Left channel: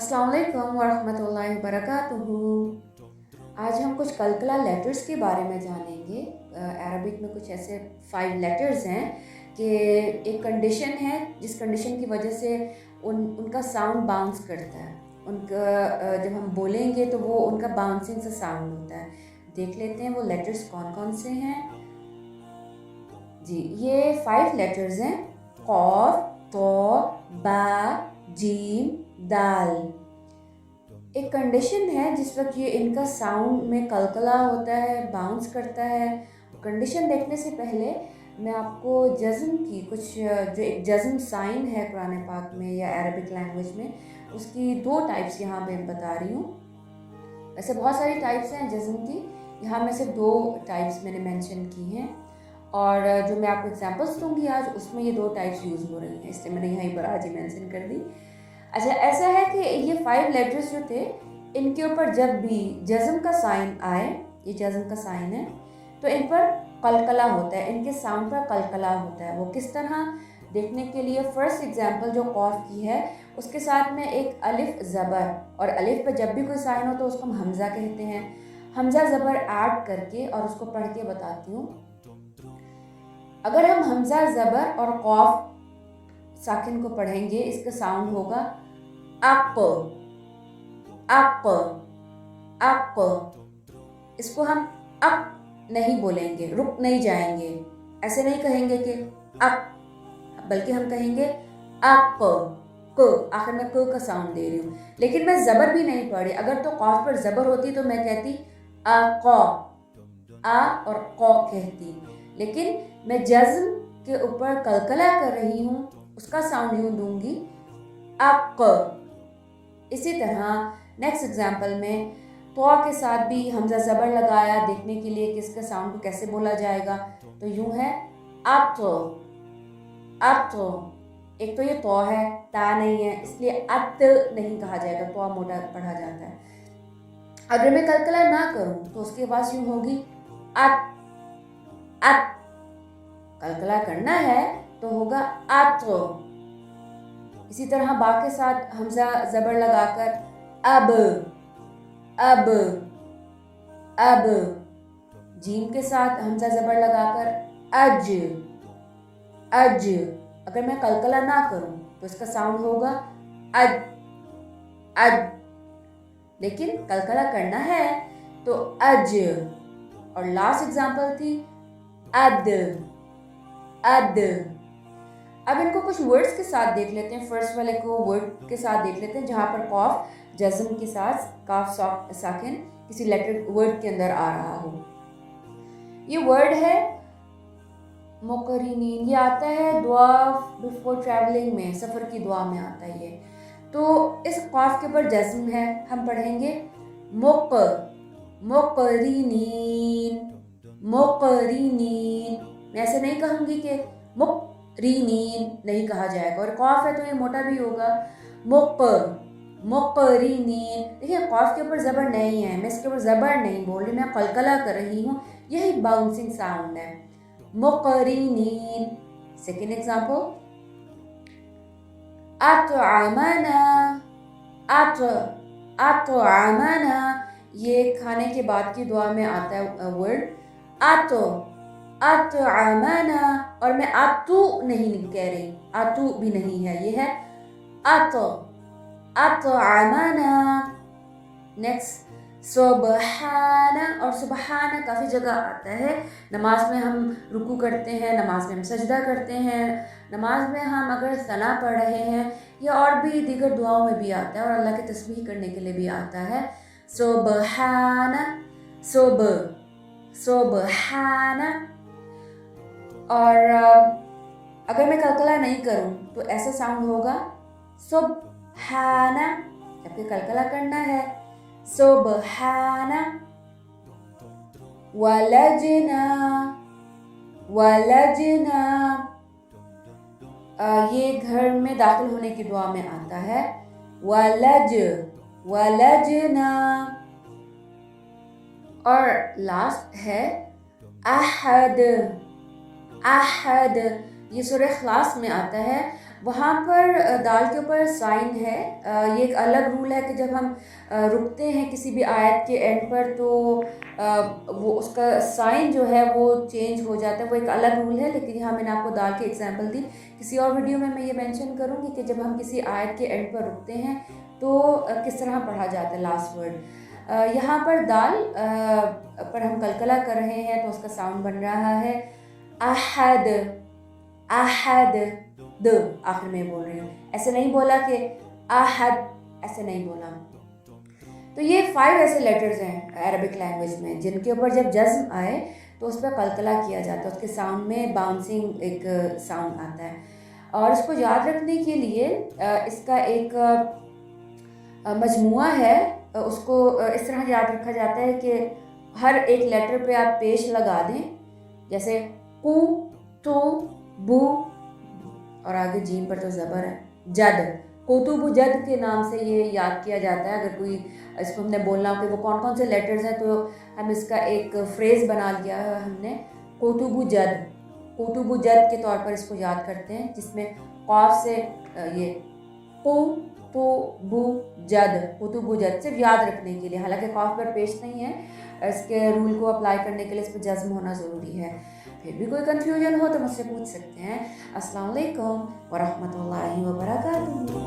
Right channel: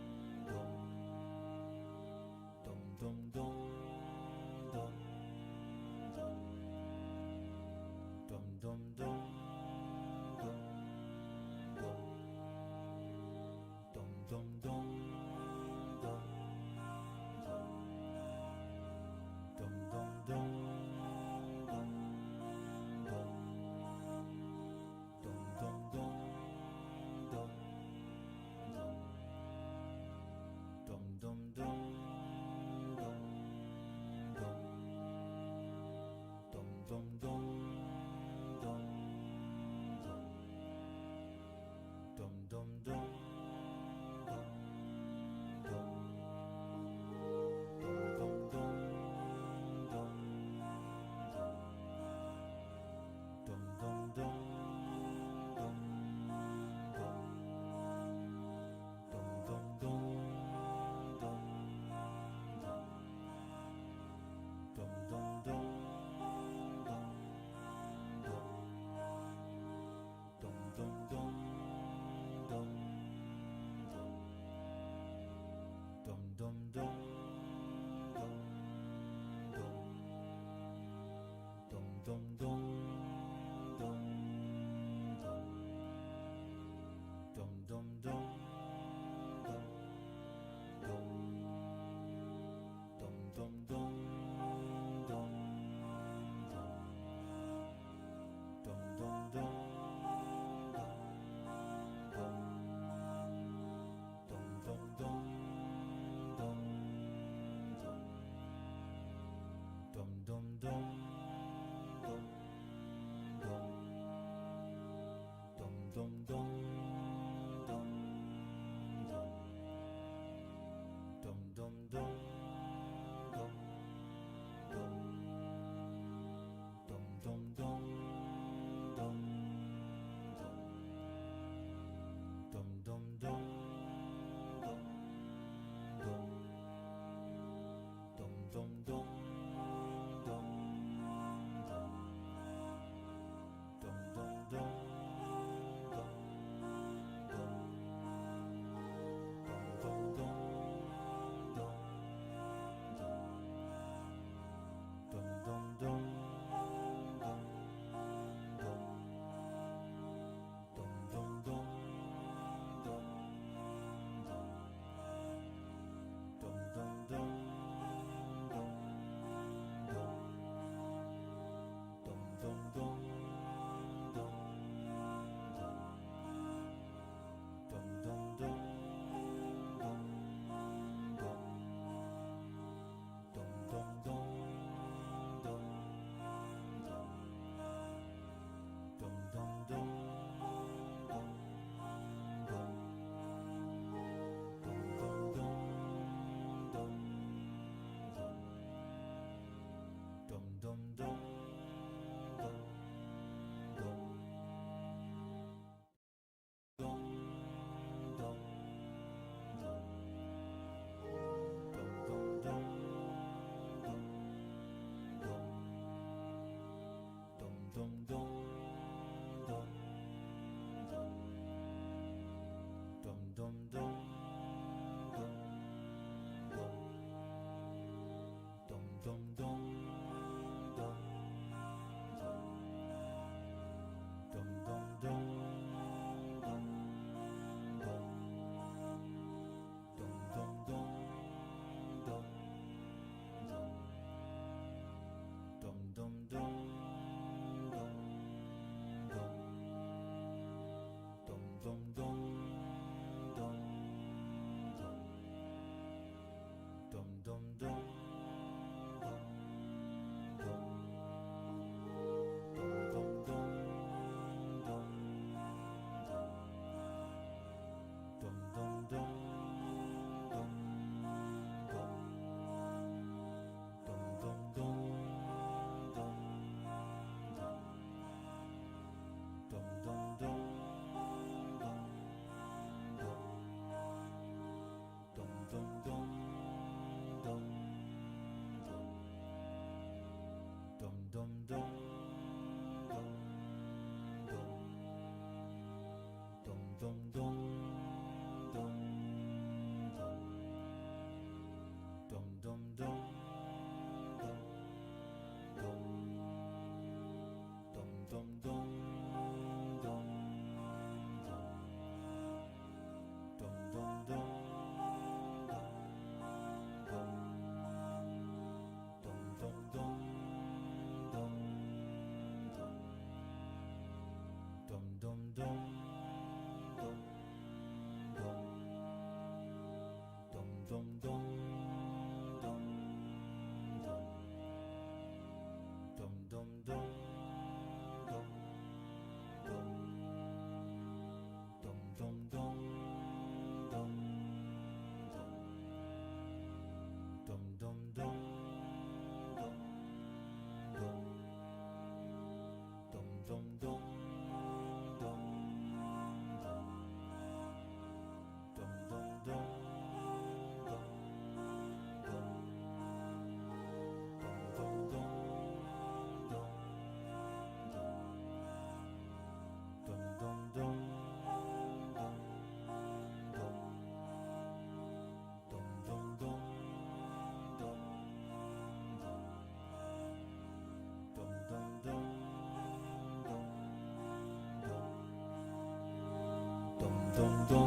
अस्सलाम वालेकुम वरहमतुल्लाहि वबरकातुहू। आज हम कुछ कलकला लेटर्स के बारे में जानेंगे। अरबिक में कुछ ऐसे 5 लेटर्स हैं कि एक कंडीशन है जिस कंडीशन की वजह से उनका साउंड बाउंस करता है। उनका जब हम बोलेंगे तो वो उनका बाउंसिंग सा साउंड होता है। देख लेते हैं वो लेटर्स कौन कौन से हैं। जी, ये 5 लेटर्स हैं। कॉफ, तो, बा, जीम, दाल। एक कंडीशन है जिस वक्त ये इनका साउंड में कलकला होता है, बाउंस करता है। कंडीशन देखने से पहले मैं आपको जज़्म की कुछ जो एक जज़्म साइन है कुरान पाक में या अरबिक लैंग्वेज में, उसकी 2 टाइप्स यहाँ पे बता रही हूँ। ऐसे बहुत सारी टाइप्स हैं जज़्म की, यहाँ में से 2 टाइप्स मैंने मेंशन की हैं और जो मैं आपको एग्जांपल्स दूंगी आज उसमें ये 2 टाइप्स यूज़ हो रही हैं, इसलिए मैंने यहीं पर आज ही मेंशन कर दी। अच्छा, ऐसा है कि ये 5 लेटर्स जो थे इनके ऊपर जब भी जज़्म का साइन आए, ये जज़्म का साइन है, तो इन पर कलकला होता है, इनके साउंड पर कलकला होता है। वो किस तरह देखने के लिए फर्स्ट एग्जांपल जो कॉफ की है उसके साथ में एक अलिफ ज़बर, और अलिफ पे जब भी कोई साइन हो तो उसको हम हमज़ा कहते हैं। हमज़ा ज़बर ऐड करके और उसको पढ़ के बताती हूँ। अगर हम हमज़ा ज़बर और कॉफ साकिन को पढ़ेंगे, इसका साउंड होगा अप अप अप। इसको हम अप नहीं बोलेंगे, रुक नहीं जाएंगे, ऐसे नहीं कहेंगे कि अप, बल्कि हम कहेंगे अप। क, आखिर में क का साउंड दे रही हूँ, लेकिन मैं ज़बर भी नहीं पढ़ी। अगर तो कॉफ पर ज़बर होती तो मैं कहती आ कौ, आ और कौ कहती, लेकिन मैं जज़्म के ऊपर कलकला कर रही हूँ, उसका साउंड यूँ दूंगी अक। इसी तरह नेक्स्ट एग्जाम्पल में तो के साथ भी हमजा ज़बर लगाया देखने के लिए कि इसका साउंड को कैसे बोला जाएगा, तो यूँ है अप तो। एक तो ये तो है, ता नहीं है, इसलिए अत नहीं कहा जाएगा, तो मोटा पढ़ा जाता है। अगर मैं कलकला ना करूं तो उसकी आवाज़ यूँ होगी अत अत। कलकला करना है तो होगा अत। इसी तरह बा के साथ हमजा ज़बर लगाकर अब अब अब। जीम के साथ हमजा ज़बर लगाकर अज अज। अगर मैं कलकला ना करूं तो इसका साउंड होगा अज अज, लेकिन कलकला करना है तो अज। और लास्ट एग्जांपल थी अद अद। अब इनको कुछ वर्ड्स के साथ देख लेते हैं। फर्स्ट वाले को वर्ड के साथ देख लेते हैं जहाँ पर कॉफ जज़्म के साथ काफ साकिन किसी लेटर वर्ड के अंदर आ रहा हो। ये वर्ड है मुकरिनीन। ये आता है दुआ बिफोर ट्रैवलिंग में, सफ़र की दुआ में आता है ये। तो इस कॉफ के ऊपर जज़्म है, हम पढ़ेंगे मुक मुकरिनीन मुकरिनीन। मैं ऐसे नहीं कहूँगी कि मुकरिनीन नहीं कहा जाएगा, और कॉफ है तो ये मोटा भी होगा मुक मुकरिनीन। देखिए कॉफ के ऊपर ज़बर नहीं है, मैं इसके ऊपर ज़बर नहीं बोल रही, मैं कलकला कर रही हूँ, यही बाउंसिंग साउंड है मुकरिनीन। Second example अतअमना अतअमना। ये खाने के बाद की दुआ में आता है वर्ड अतअमना, और मैं आतू नहीं कह रही, आतू भी नहीं है, ये है अतअमना। नेक्स्ट सुबहाना, और सुबहाना काफ़ी जगह आता है। नमाज में हम रुकू करते हैं, नमाज में हम सजदा करते हैं, नमाज में हम अगर सना पढ़ रहे हैं, या और भी दीगर दुआओं में भी आता है, और अल्लाह की तस्बीह करने के लिए भी आता है सुबहाना सुबहाना। और अगर मैं कलकला नहीं करूं तो ऐसा साउंड होगा सुबहाना, जबकि कलकला करना है सुबहाना। वलजना वलजना, ये घर में दाखिल होने की दुआ में आता है वलजना। और लास्ट है अहद अहद। ये सूरह इखलास में आता है वहाँ पर दाल के ऊपर साइन है। ये एक अलग रूल है कि जब हम रुकते हैं किसी भी आयत के एंड पर तो वो उसका साइन जो है वो चेंज हो जाता है, वो एक अलग रूल है। लेकिन यहाँ मैंने आपको दाल की एग्जांपल दी। किसी और वीडियो में मैं ये मेंशन करूँगी कि जब हम किसी आयत के एंड पर रुकते हैं तो किस तरह पढ़ा जाता है लास्ट वर्ड। यहाँ पर दाल पर हम कलकला कर रहे हैं तो उसका साउंड बन रहा है अहद, अहद, द आखिर में बोल रही हूँ। ऐसे नहीं बोला कि अहद, ऐसे नहीं बोला। तो ये 5 ऐसे लेटर्स हैं अरबिक लैंग्वेज में जिनके ऊपर जब जज्म आए तो उस पर कलकला किया जाता है, उसके साउंड में बाउंसिंग एक साउंड आता है। और इसको याद रखने के लिए इसका एक मजमुआ है, उसको इस तरह याद रखा जाता है कि हर एक लेटर पे आप पेश लगा दें, जैसे कु, तो, बू और आगे जीम पर तो ज़बर है, जद, कोतुबु जद के नाम से ये याद किया जाता है। अगर कोई इसको हमने बोलना हो कि वो कौन कौन से लेटर्स हैं तो हम इसका एक फ्रेज़ बना लिया है हमने, कोतुबु जद, कोतुबु जद के तौर पर इसको याद करते हैं, जिसमें कॉफ से ये को तो बू जद, कुतुबु जद सिर्फ याद रखने के लिए, हालांकि कॉफ पर पेश नहीं है। इसके रूल को अप्लाई करने के लिए इस पर जज्म होना ज़रूरी है। फिर भी कोई कन्फ्यूजन हो तो मुझसे पूछ सकते हैं। अस्सलाम वालेकुम व रहमतुल्लाहि व बरकातुहू।